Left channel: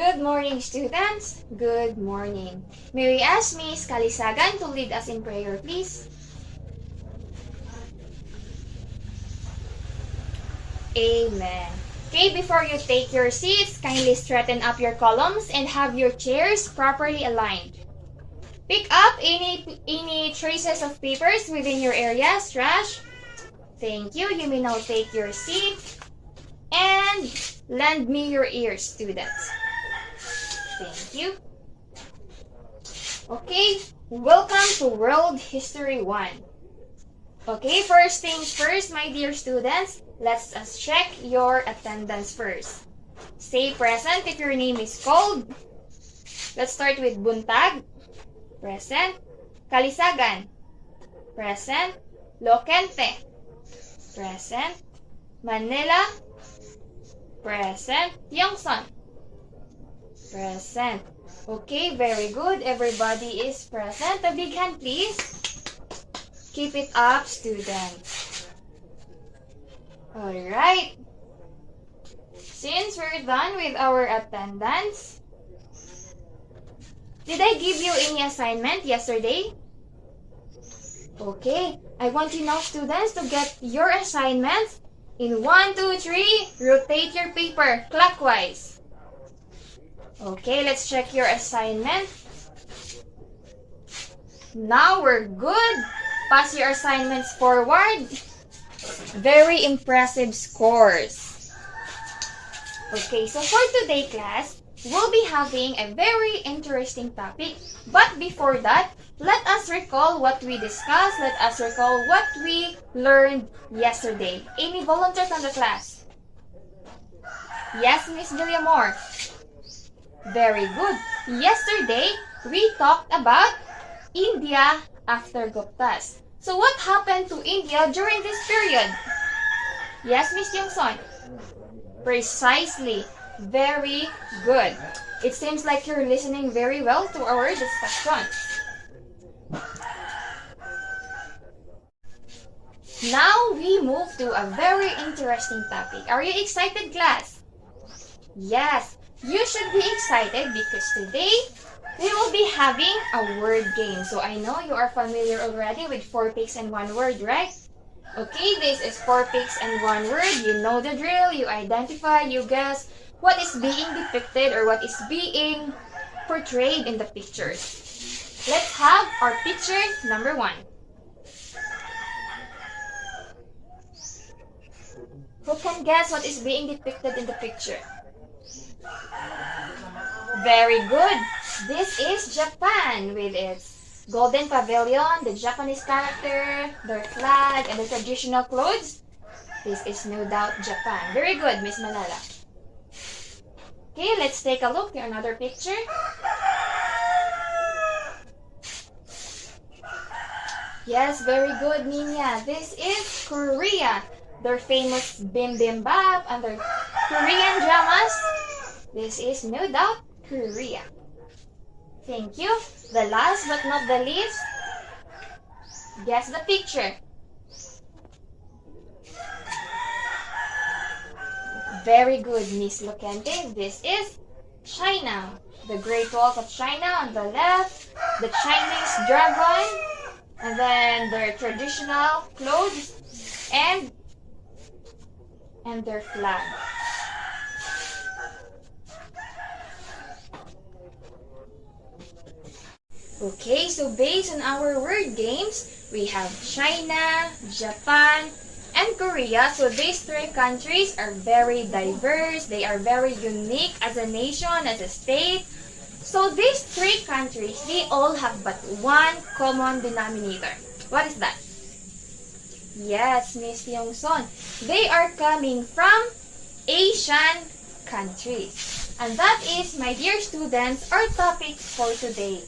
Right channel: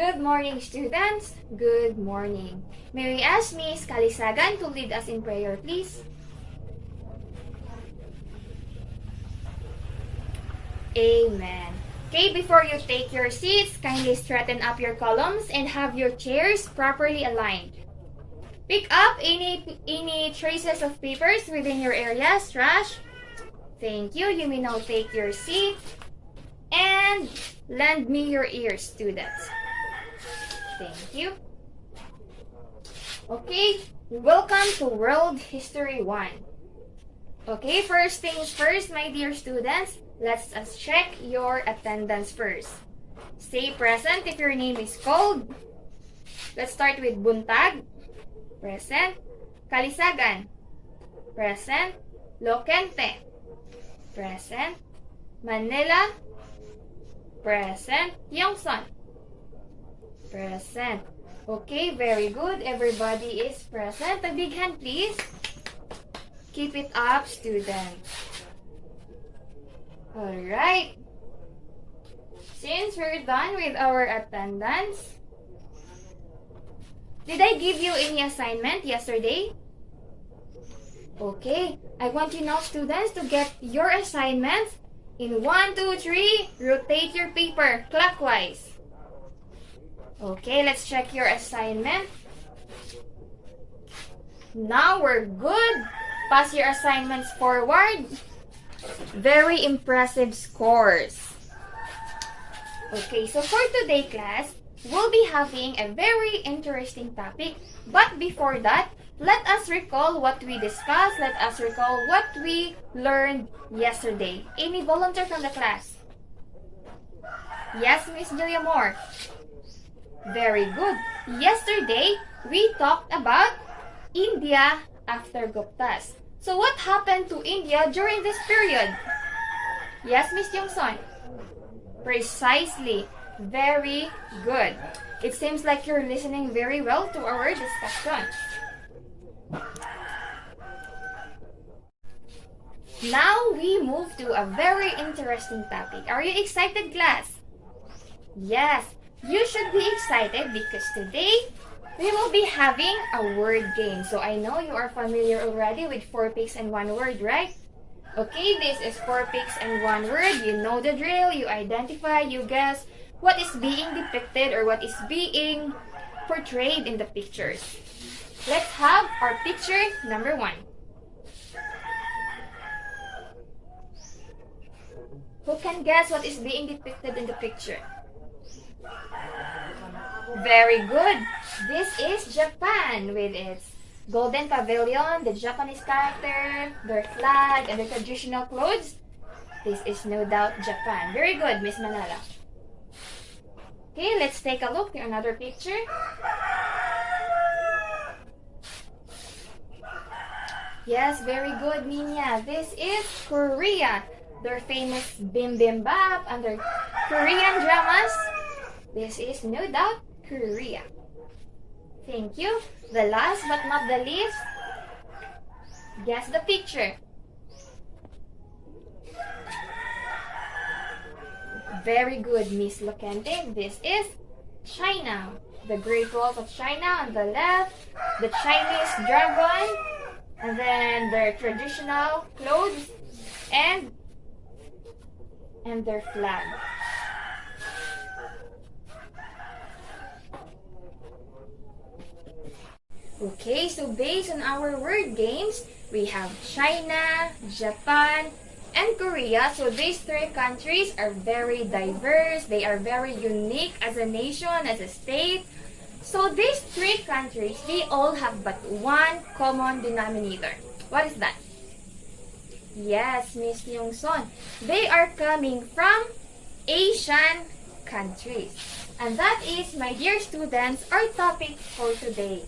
Good morning, students. Good morning. May we ask Miss Kalisagan to lead us in prayer, please? Amen. Okay, before you take your seats, kindly straighten up your columns and have your chairs properly aligned. Pick up any traces of papers within your areas, trash. Thank you. You may now take your seat and lend me your ears, students. Thank you. Okay, welcome to World History 1. Okay, first things first, my dear students, let's check your attendance first. Say present if your name is called. Let's start with Buntag. Present. Kalisagan. Present. Lokente. Present. Manila. Present. Yongson. Present. Okay, very good. Everybody is present. A big hand, please. Keep it up, students. Alright. Since we're done with our attendance, did I give you any assignment yesterday? Okay, I want you now, students, to get your assignments in 1, 2, 3. Rotate your paper clockwise. Okay, let's check your assignment. Now we're good. Pass your assignments forward. Very impressive scores. Okay, so for today, class, we'll be having a very interesting topic. But before that, let us recall what we discussed. Let us recall what we learned yesterday. Any volunteer from the class? Yes, Miss Villamore. Very good. Yesterday, we talked about India after Guptas. So what happened to India during this period? Yes, Miss Jungson? Precisely. Very good. It seems like you're listening very well to our discussion. Now we move to a very interesting topic. Are you excited, class? Yes. You should be excited because today we will be having a word game. So I know you are familiar already with 4 pics and 1 word, right? Okay, this is 4 pics and 1 word. You know the drill. You identify, you guess what is being depicted or what is being portrayed in the pictures. Let's have our picture number 1. Who can guess what is being depicted in the picture? Very good. This is Japan with its golden pavilion, the Japanese character, their flag, and the traditional clothes. This is no doubt Japan. Very good, Miss Manala. Okay, let's take a look at another picture. Yes, very good, Minya. This is Korea. Their famous bibimbap and their Korean dramas. This is no doubt Korea. Thank you. The last but not the least, guess the picture. Very good, Miss Lokente. This is China. The Great Wall of China on the left, the Chinese dragon, and then their traditional clothes and their flag. Okay, so based on our word games, we have China, Japan, and Korea. So these 3 countries are very diverse. They are very unique as a nation, as a state. So these 3 countries, they all have but one common denominator. What is that? Yes, Miss Yongson. They are coming from Asian countries. And that is, my dear students, our topic for today.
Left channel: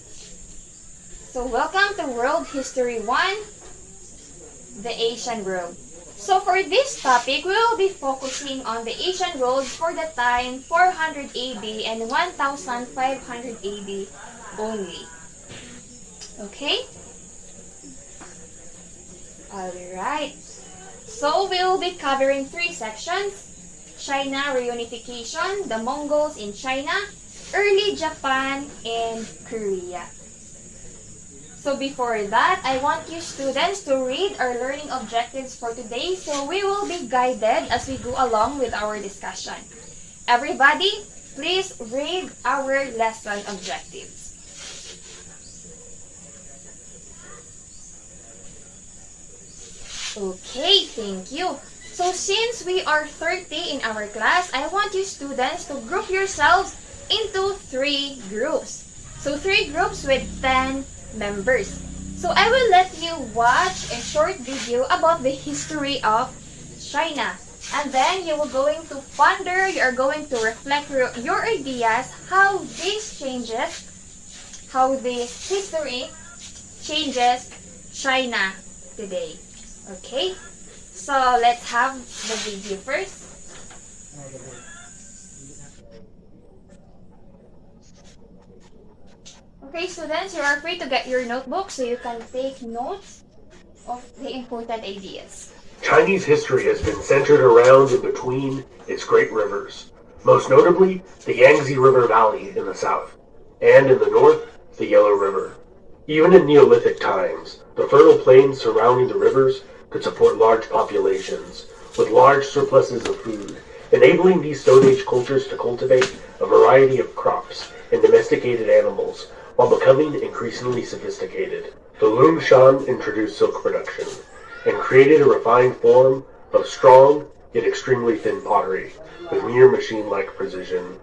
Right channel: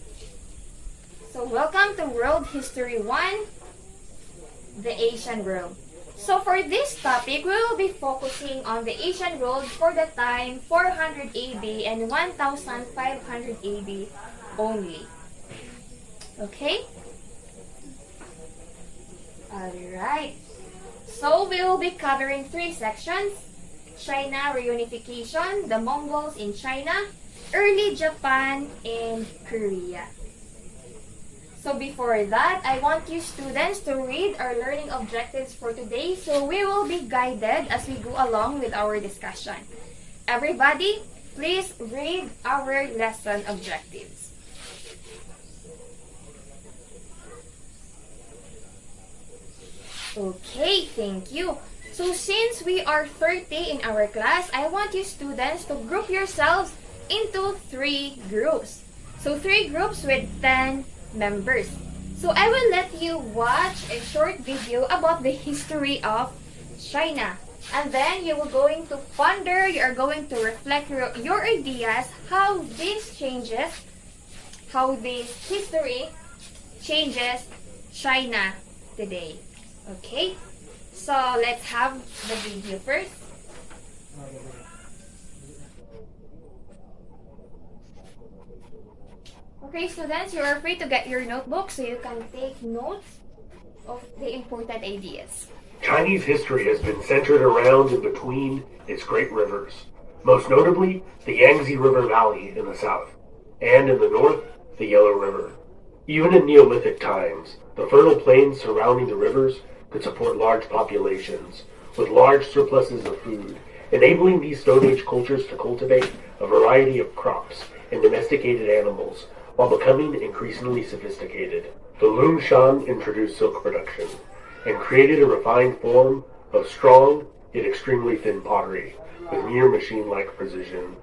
So welcome to World History 1, the Asian world. So for this topic, we will be focusing on the Asian world for the time 400 AD and 1500 AD only. Okay? Alright. So we will be covering 3 sections. China reunification, the Mongols in China, early Japan and Korea. So before that, I want you students to read our learning objectives for today so we will be guided as we go along with our discussion. Everybody, please read our lesson objectives. Okay, thank you. So since we are 30 in our class, I want you students to group yourselves into 3 groups. So 3 groups with 10 members. So I will let you watch a short video about the history of China. And then you are going to ponder, you are going to reflect your ideas, how this history changes China today. Okay? So let's have the video first. Okay, students, you are free to get your notebook so you can take notes of the important ideas. Chinese history has been centered around and between its great rivers, most notably the Yangtze River Valley in the south, and in the north, the Yellow River. Even in Neolithic times, the fertile plains surrounding the rivers could support large populations, with large surpluses of food, enabling these Stone Age cultures to cultivate a variety of crops and domesticated animals, while becoming increasingly sophisticated. The Lung Shan introduced silk production, and created a refined form of strong, yet extremely thin pottery, with near machine-like precision.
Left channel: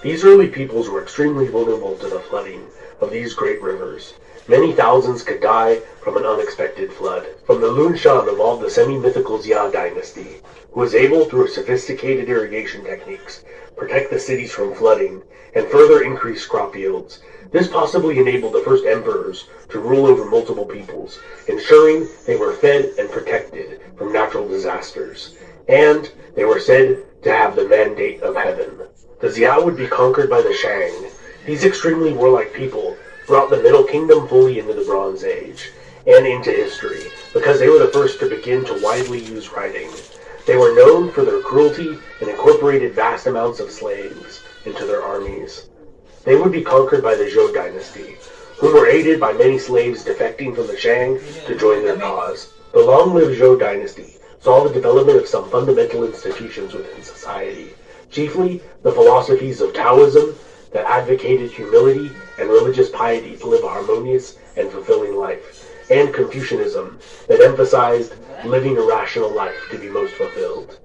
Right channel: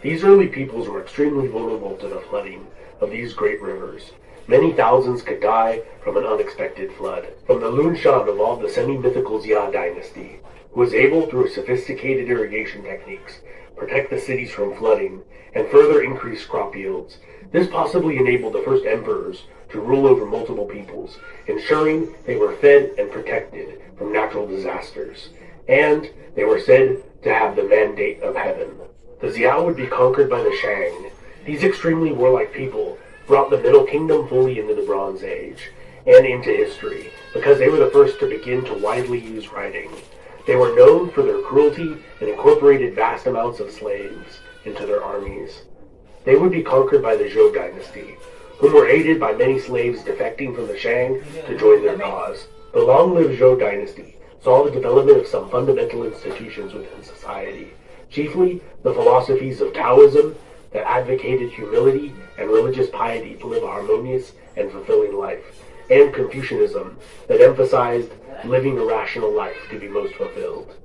These early peoples were extremely vulnerable to the flooding of these great rivers. Many thousands could die from an unexpected flood. From the Lun Shan evolved the semi-mythical Xia dynasty, who was able, through sophisticated irrigation techniques, protect the cities from flooding, and further increase crop yields. This possibly enabled the first emperors to rule over multiple peoples, ensuring they were fed and protected from natural disasters, and they were said to have the mandate of heaven. The Xia would be conquered by the Shang. These extremely warlike people brought the Middle Kingdom fully into the Bronze Age, and into history, because they were the first to begin to widely use writing. They were known for their cruelty and incorporated vast amounts of slaves into their armies. They would be conquered by the Zhou dynasty, whom were aided by many slaves defecting from the Shang to join their cause. The long-lived Zhou dynasty saw the development of some fundamental institutions within society, chiefly the philosophies of Taoism that advocated humility and religious piety to live a harmonious and fulfilling life, and Confucianism that emphasized living a rational life to be most fulfilled.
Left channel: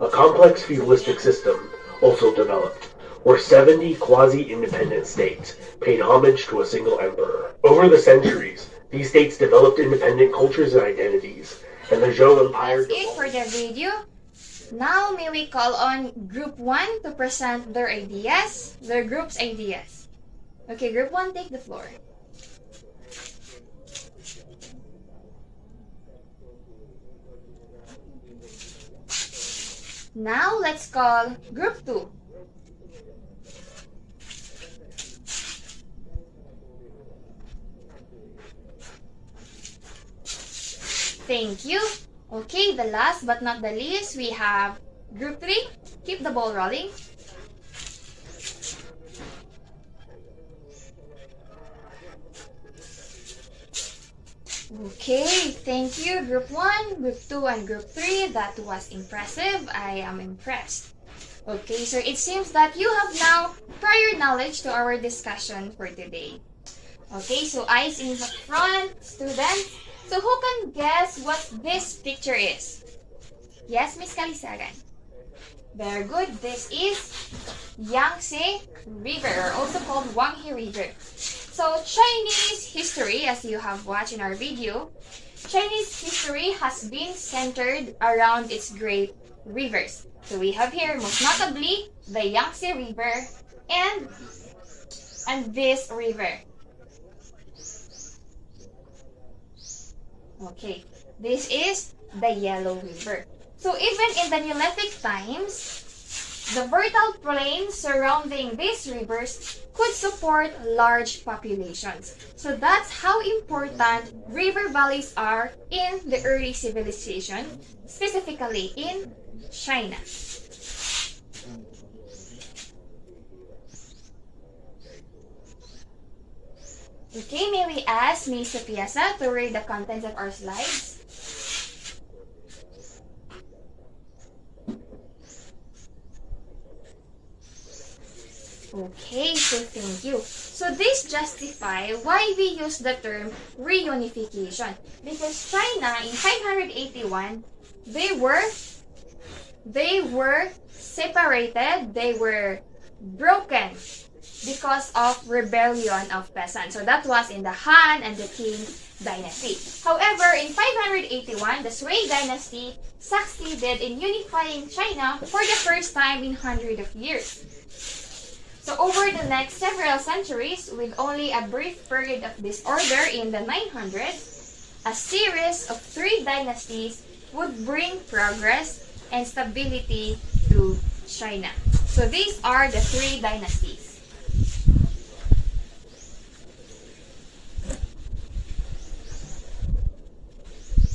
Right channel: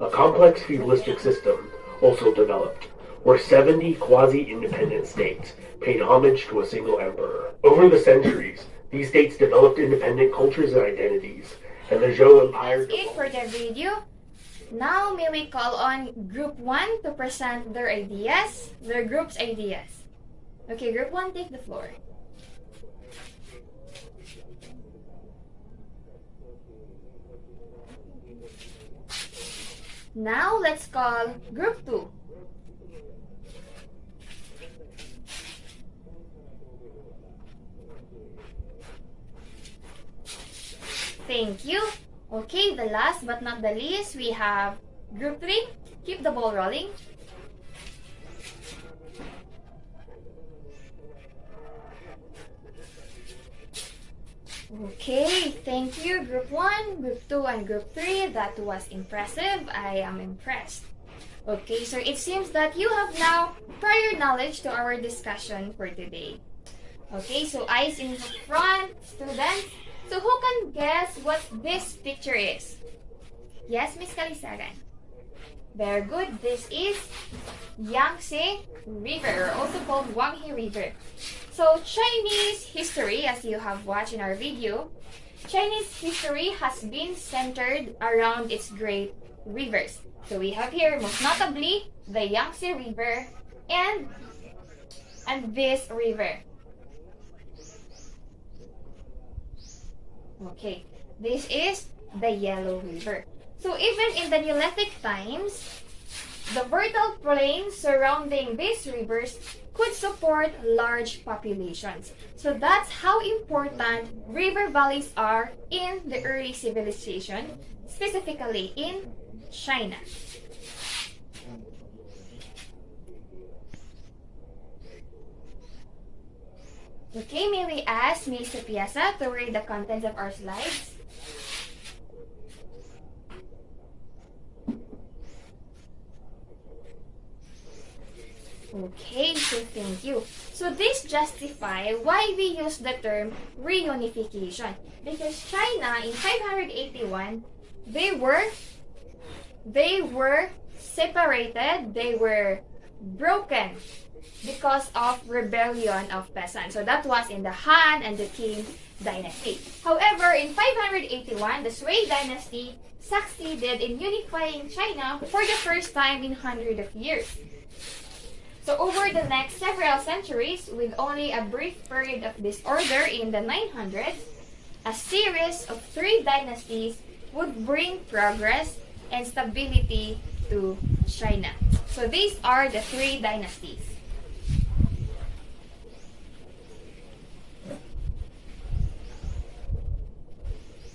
A complex feudalistic system also developed, where 70 quasi-independent states paid homage to a single emperor. Over the centuries, these states developed independent cultures and identities, and the Zhou Empire... That's it for the video. Now may we call on Group 1 to present their group's ideas. Okay, Group 1, take the floor. Now let's call Group 2. Thank you. Okay, the last but not the least, we have Group 3. Keep the ball rolling. Okay, thank you, Group 1, Group 2, and Group 3. That was impressive. I am impressed. Okay, so it seems that you have now prior knowledge to our discussion for today. Okay, so eyes in the front, students. So who can guess what this picture is? Yes, Miss Kalisagan. Very good. This is Yangtze River, also called Wanghe River. So Chinese history, as you have watched in our video, Chinese history has been centered around its great rivers. So we have here, most notably, the Yangtze River and this river. Okay, this is the Yellow River. So even in the Neolithic times, the fertile plains surrounding these rivers could support large populations. So that's how important river valleys are in the early civilization, specifically in China. Okay, may we ask Miss Piasa to read the contents of our slides? Okay, so thank you. So this justify why we use the term reunification. Because China in 581, they were separated, they were broken because of rebellion of peasants. So that was in the Han and the Qin dynasty. However, in 581, the Sui dynasty succeeded in unifying China for the first time in hundreds of years. So over the next several centuries, with only a brief period of disorder in the 900s, a series of 3 dynasties would bring progress and stability to China. So these are the 3 dynasties.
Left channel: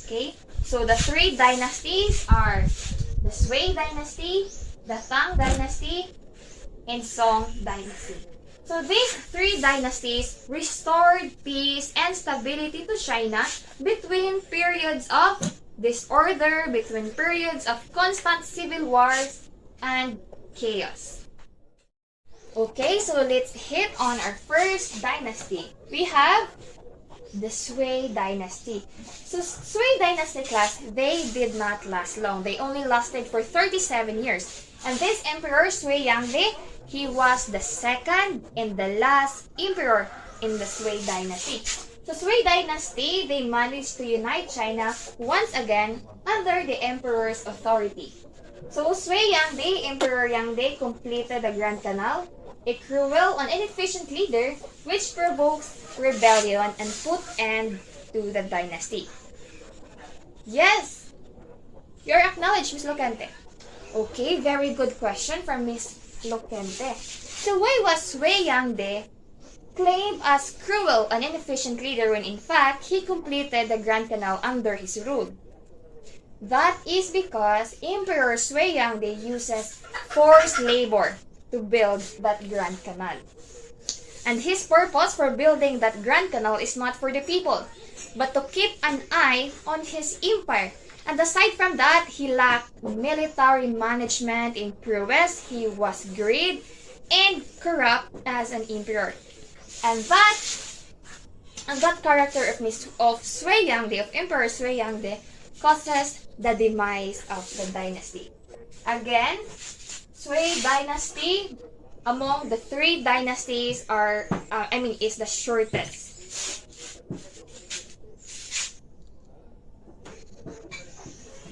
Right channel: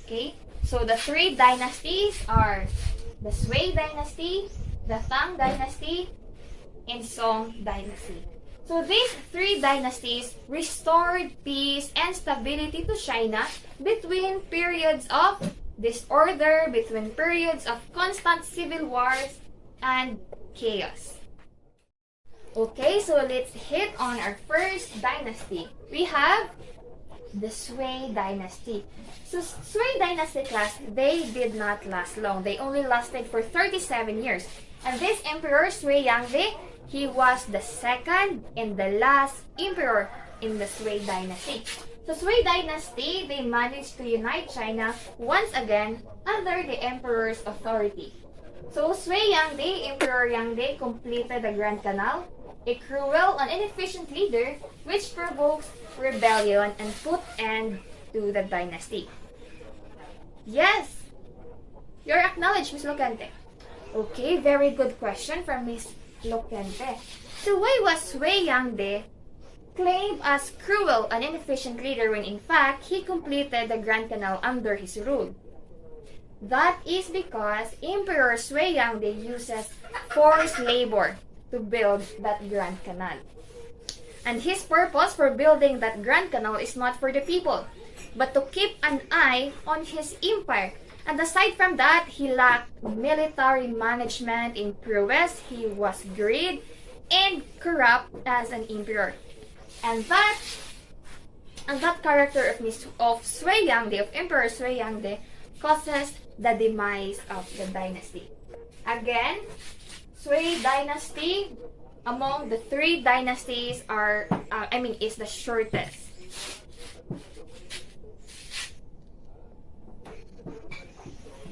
Okay, so the 3 dynasties are the Sui dynasty, the Tang dynasty, and Song dynasty. So these 3 dynasties restored peace and stability to China between periods of disorder, between periods of constant civil wars and chaos. Okay, so let's hit on our first dynasty. We have the Sui dynasty. So Sui dynasty class, they did not last long. They only lasted for 37 years. And this emperor, Sui Yangdi, he was the second and the last emperor in the Sui dynasty. So Sui dynasty, they managed to unite China once again under the emperor's authority. So Sui Yangdi, Emperor Yangdi, completed the Grand Canal, a cruel and inefficient leader which provokes rebellion and put end to the dynasty. Yes, you're acknowledged, Miss Locante. Okay, very good question from Miss Locante. So why was Sui Yangdi claimed as cruel and inefficient leader when in fact he completed the Grand Canal under his rule? That is because Emperor Sui Yangdi uses forced labor to build that Grand Canal. And his purpose for building that Grand Canal is not for the people, but to keep an eye on his empire. And aside from that, he lacked military management in prowess, he was greedy and corrupt as an emperor. And that character of Sui Yangdi, of Emperor Sui Yangdi, causes the demise of the dynasty. Again, Sui dynasty among the 3 dynasties is the shortest.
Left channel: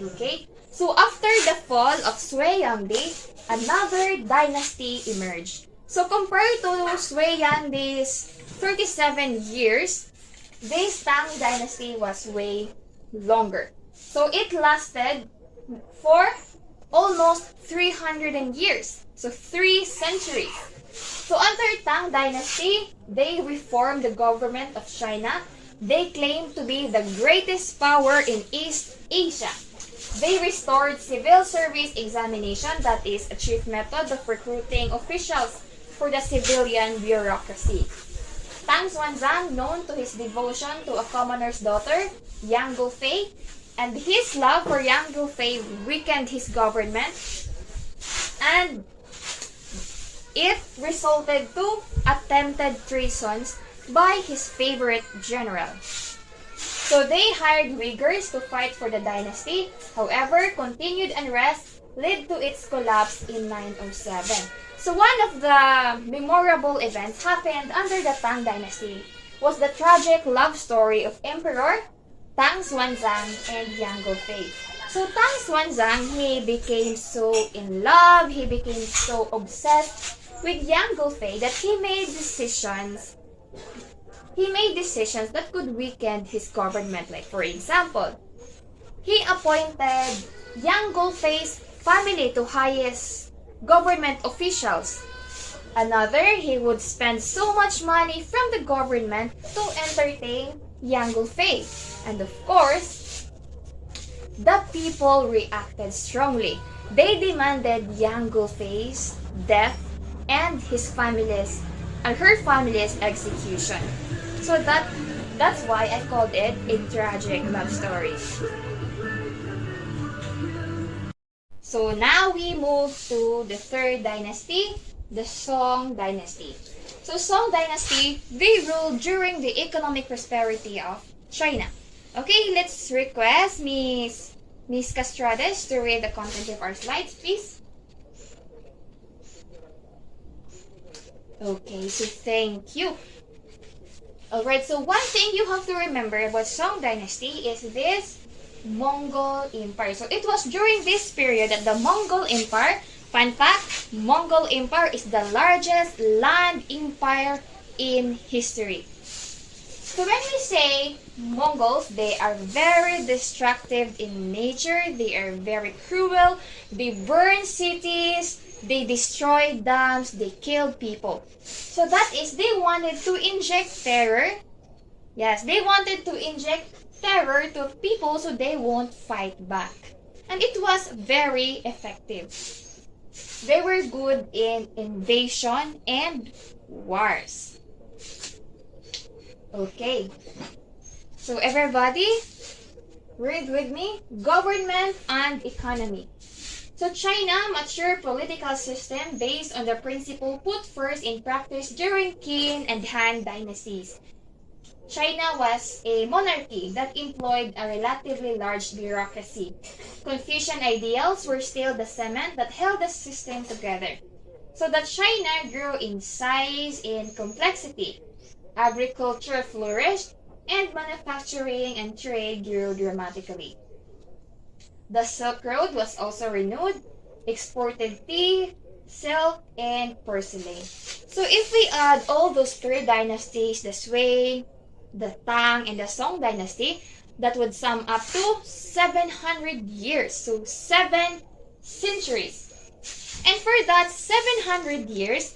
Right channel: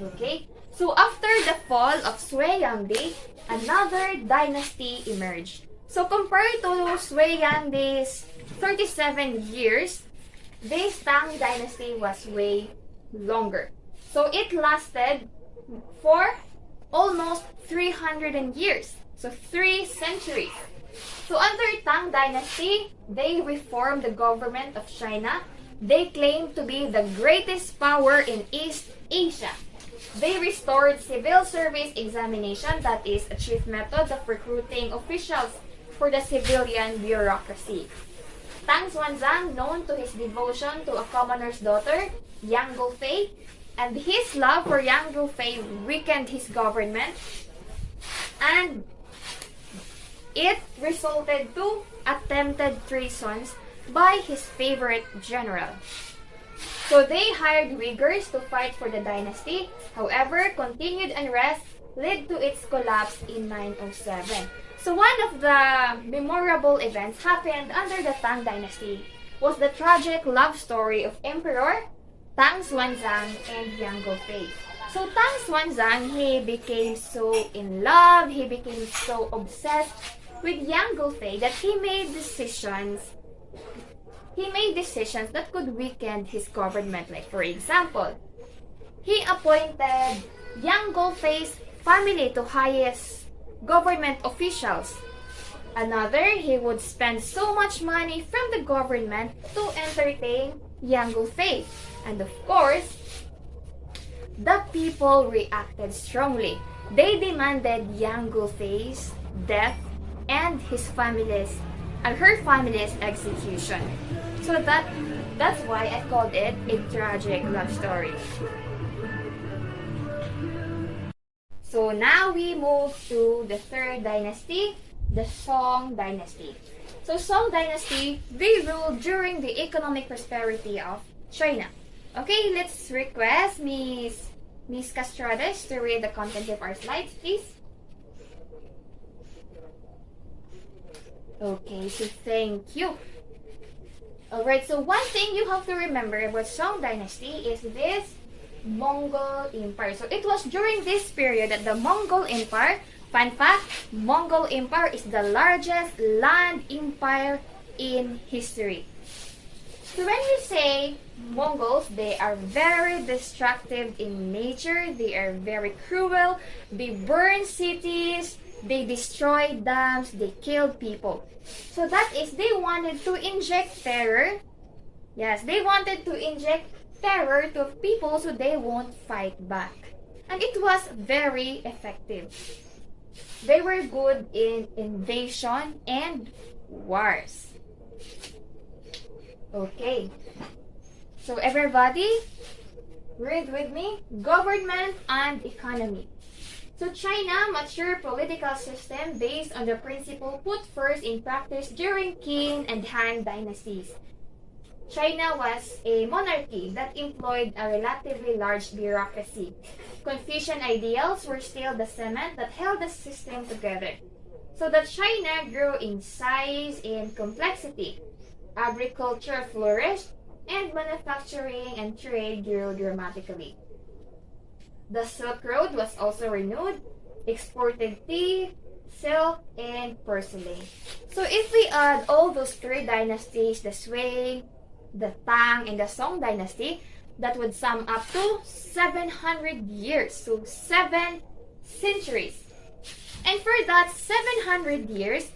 Okay, so after the fall of Sui Yangdi, another dynasty emerged. So compared to Sui Yangdi's 37 years, this Tang dynasty was way longer. So it lasted for almost 300 years, so 3 centuries. So under Tang dynasty, they reformed the government of China. They claimed to be the greatest power in East Asia. They restored civil service examination, that is a chief method of recruiting officials for the civilian bureaucracy. Tang Xuanzang, known to his devotion to a commoner's daughter, Yang Guofei, and his love for Yang Guofei weakened his government, and it resulted to attempted treasons by his favorite general. So they hired Uyghurs to fight for the dynasty. However, continued unrest led to its collapse in 907. So one of the memorable events happened under the Tang dynasty was the tragic love story of Emperor Tang Xuanzang and Yang Guofei. So Tang Xuanzang, he became so in love, he became so obsessed with Yang Guofei that he made decisions that could weaken his government. Like for example, he appointed Yang Guofei's family to highest government officials. Another, he would spend so much money from the government to entertain Yang Guofei. And of course, the people reacted strongly. They demanded Yang Guofei's death and her family's execution. So that's why I called it a tragic love story. So now we move to the third dynasty, the Song dynasty. So Song dynasty, they ruled during the economic prosperity of China. Okay, let's request Miss Castrades to read the content of our slides, please. Okay, so thank you. Alright, so one thing you have to remember about Song dynasty is this Mongol Empire. So it was during this period that the Mongol Empire, fun fact, Mongol Empire is the largest land empire in history. So when we say Mongols, they are very destructive in nature, they are very cruel, they burn cities, they destroy dams, they kill people. So that is, they wanted to inject terror. Yes, they wanted to inject terror to people so they won't fight back. And it was very effective. They were good in invasion and wars. Okay. So everybody, read with me. Government and economy. So China mature political system based on the principle put first in practice during Qin and Han dynasties. China was a monarchy that employed a relatively large bureaucracy. Confucian ideals were still the cement that held the system together. So that China grew in size and complexity. Agriculture flourished, and manufacturing and trade grew dramatically. The Silk Road was also renewed, exported tea, silk, and porcelain. So if we add all those three dynasties, the Sui, the Tang, and the Song dynasty, that would sum up to 700 years, so 7 centuries. And for that 700 years,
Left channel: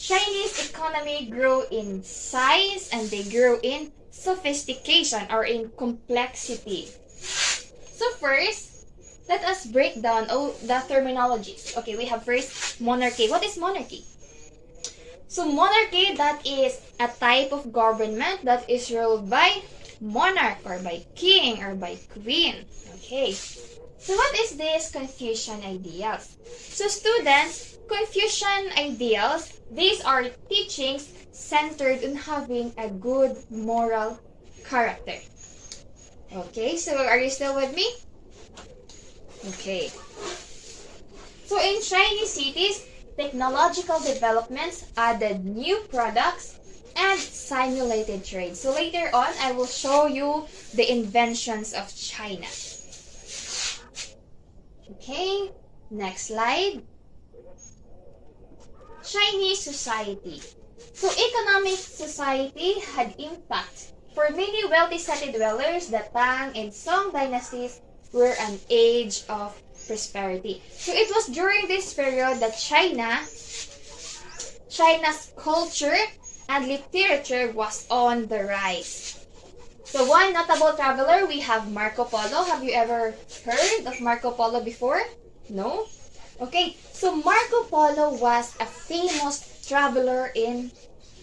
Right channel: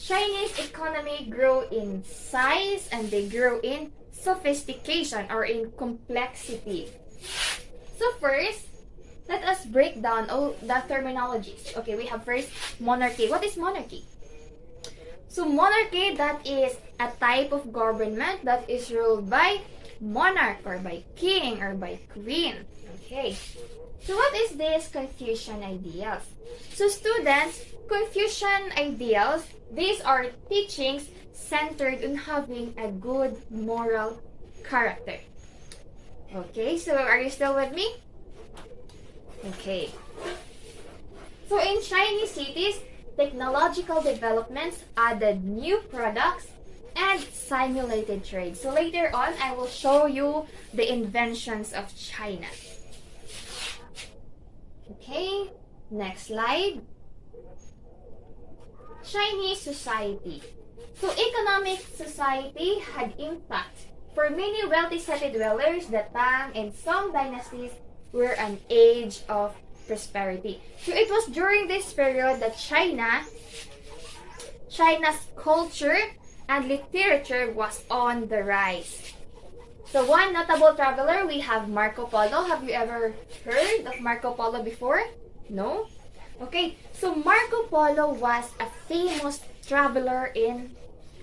Chinese economy grew in size and they grew in sophistication or in complexity. So first, let us break down all the terminologies. Okay, we have first monarchy. What is monarchy? So monarchy, that is a type of government that is ruled by monarch or by king or by queen. Okay. So what is this Confucian ideals? So students, Confucian ideals, these are teachings centered on having a good moral character. Okay, so are you still with me? Okay. So in Chinese cities, technological developments added new products and simulated trade. So later on, I will show you the inventions of China. Okay, next slide. Chinese society. So economic society had impact. For many wealthy city dwellers, the Tang and Song dynasties were an age of prosperity. So it was during this period that China's culture and literature was on the rise. So one notable traveler, we have Marco Polo. Have you ever heard of Marco Polo before? No? Okay, so Marco Polo was a famous traveler in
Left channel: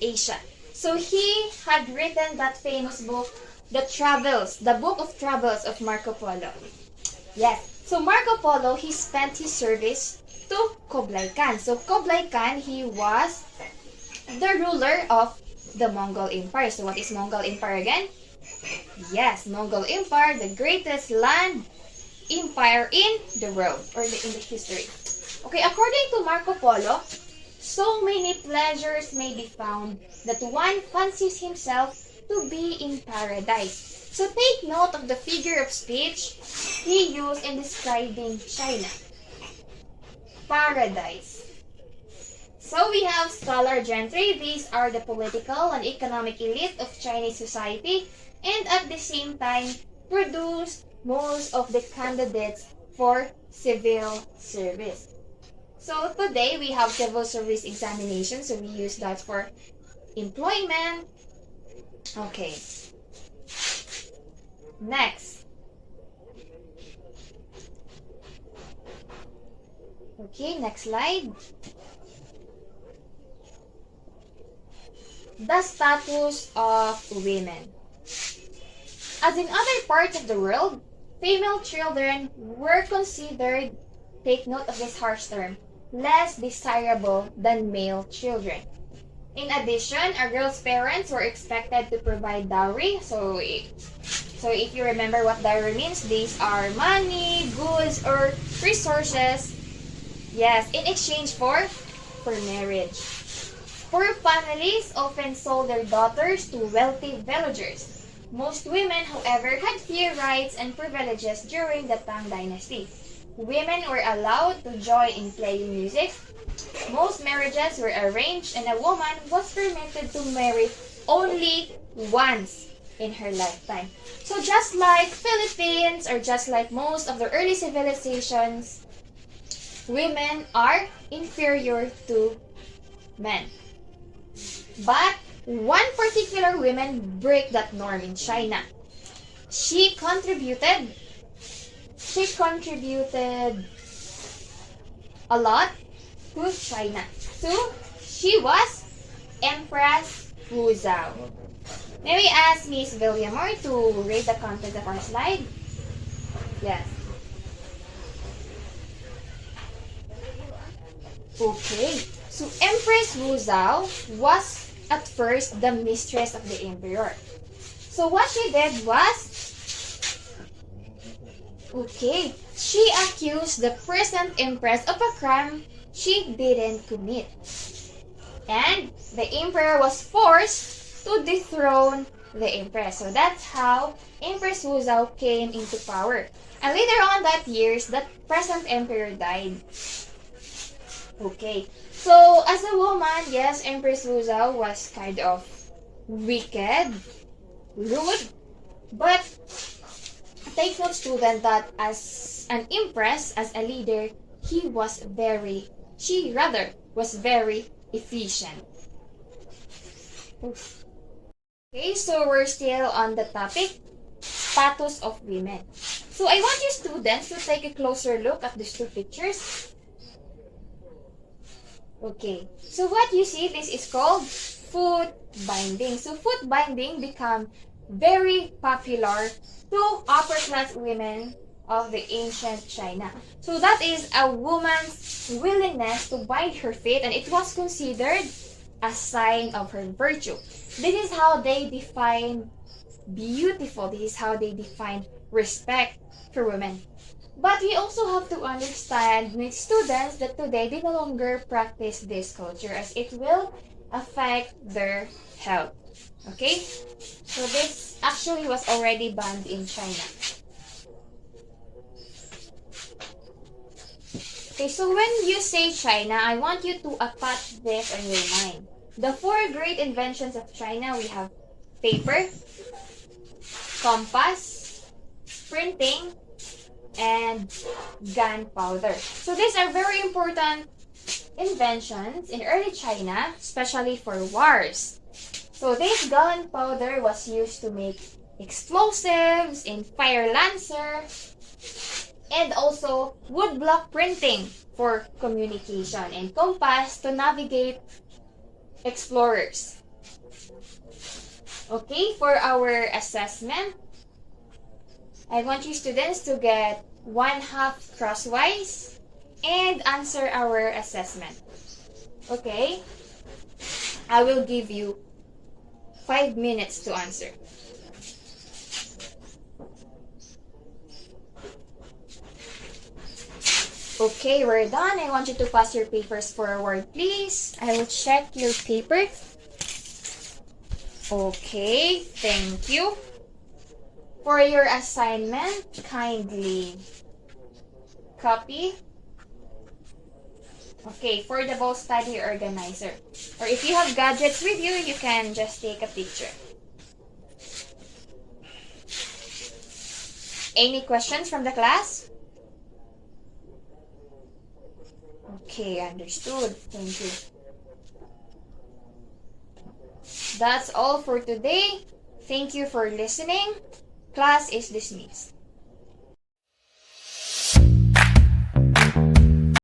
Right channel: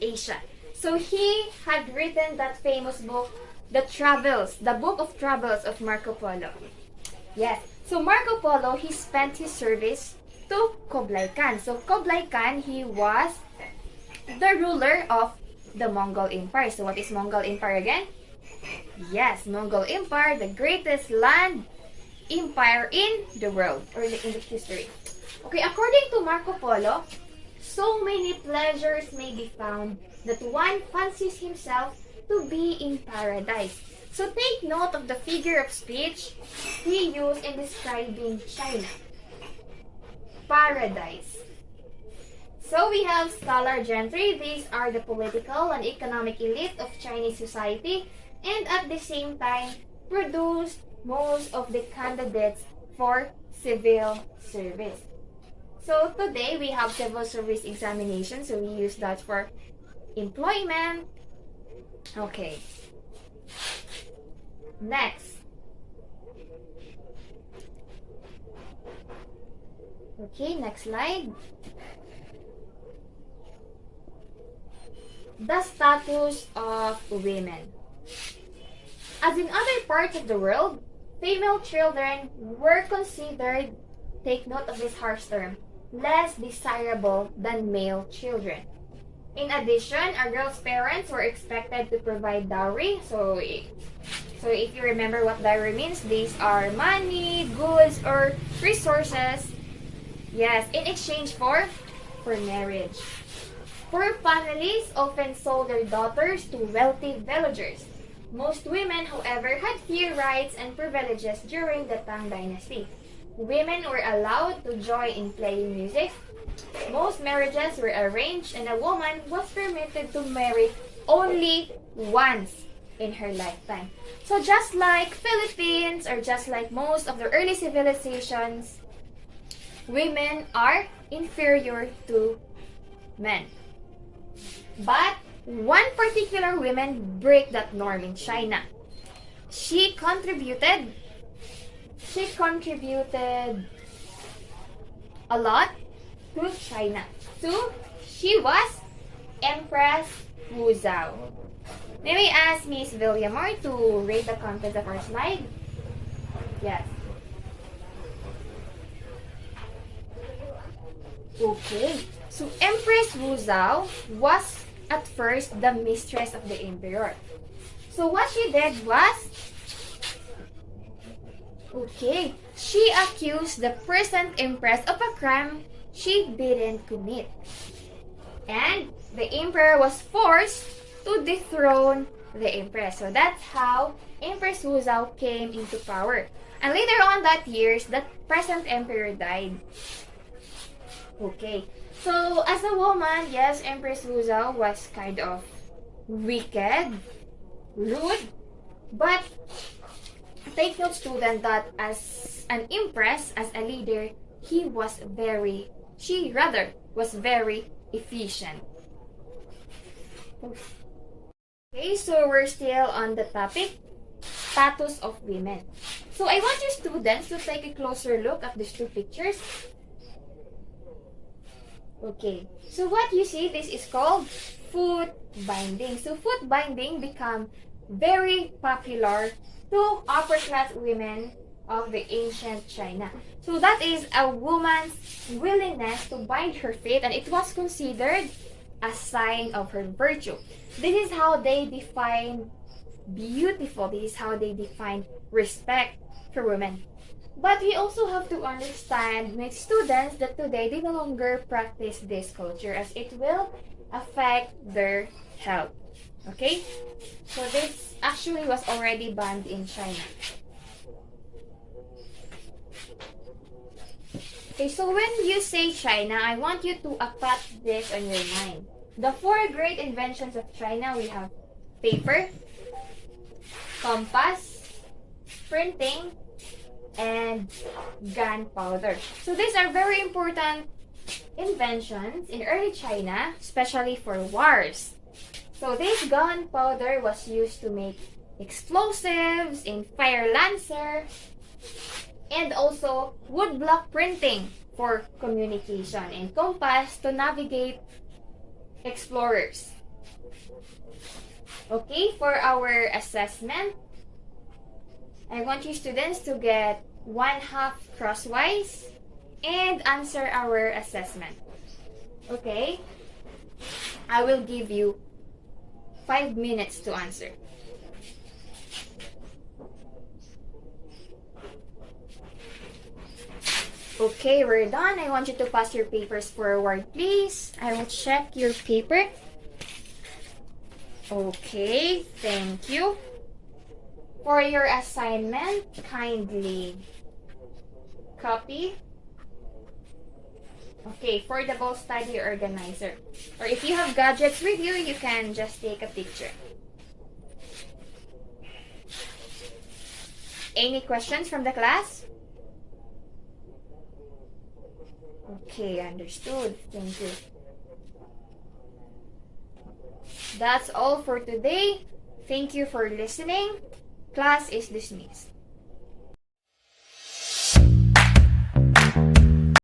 Asia. So he had written that famous book, the Book of Travels of Marco Polo. Yes, so Marco Polo, he spent his service to Kublai Khan. So Kublai Khan, he was the ruler of the Mongol Empire. So what is Mongol Empire again? Yes, Mongol Empire, the greatest land empire in the world or in the history. Okay, according to Marco Polo, so many pleasures may be found that one fancies himself to be in paradise. So take note of the figure of speech he used in describing China. Paradise. So we have scholar gentry. These are the political and economic elite of Chinese society, and at the same time produced most of the candidates for civil service. So today we have civil service examination, so we use that for employment. Okay. Next. Okay, next slide. the status of women. As in other parts of the world, female children were considered, take note of this harsh term, less desirable than male children. In addition, a girl's parents were expected to provide dowry. So if you remember what dowry means, these are money, goods, or resources. Yes, in exchange for marriage. Poor families often sold their daughters to wealthy villagers. Most women, however, had few rights and privileges during the Tang Dynasty. Women were allowed to join in playing music. Most marriages were arranged and a woman was permitted to marry only once in her lifetime. So just like Philippines or just like most of the early civilizations, women are inferior to men. But one particular woman break that norm in China. She contributed a lot to China. So she was Empress Wu Zhao. May we ask Miss Villamor to read the content of our slide? Yes. Okay. So Empress Wu Zhao was at first the mistress of the emperor. So what she did was, she accused the present empress of a crime she didn't commit. And the emperor was forced to dethrone the empress. So that's how Empress Wu Zhao came into power. And later on that year, the present emperor died. Okay. So, as a woman, yes, Empress Wu Zhao was kind of wicked, rude, but take note, student, that as an empress, as a leader, she was very efficient. Okay, so we're still on the topic, status of women. So, I want you students to take a closer look at these two pictures. Okay, so what you see, this is called foot binding. So foot binding became very popular to upper class women of the ancient China. So that is a woman's willingness to bind her feet, and it was considered a sign of her virtue. This is how they define beautiful. This is how they define respect for women. But we also have to understand with students that today they no longer practice this culture as it will affect their health. Okay? So this actually was already banned in China. Okay, so when you say China, I want you to attach this on your mind. The four great inventions of China, we have paper, compass, printing, and gunpowder. So these are very important inventions in early China, especially for wars. So this gunpowder was used to make explosives in fire lancer and also woodblock printing for communication and compass to navigate explorers. Okay, for our assessment, I want you students to get 1/2 crosswise and answer our assessment. Okay? I will give you 5 minutes to answer. Okay, we're done. I want you to pass your papers forward, please. I will check your paper. Okay, thank you. For your assignment, kindly copy. Okay, for the Bow Study Organizer. Or if you have gadgets with you, you can just take a picture. Any questions from the class? Okay, understood. Thank you. That's all for today. Thank you for listening. Class is dismissed.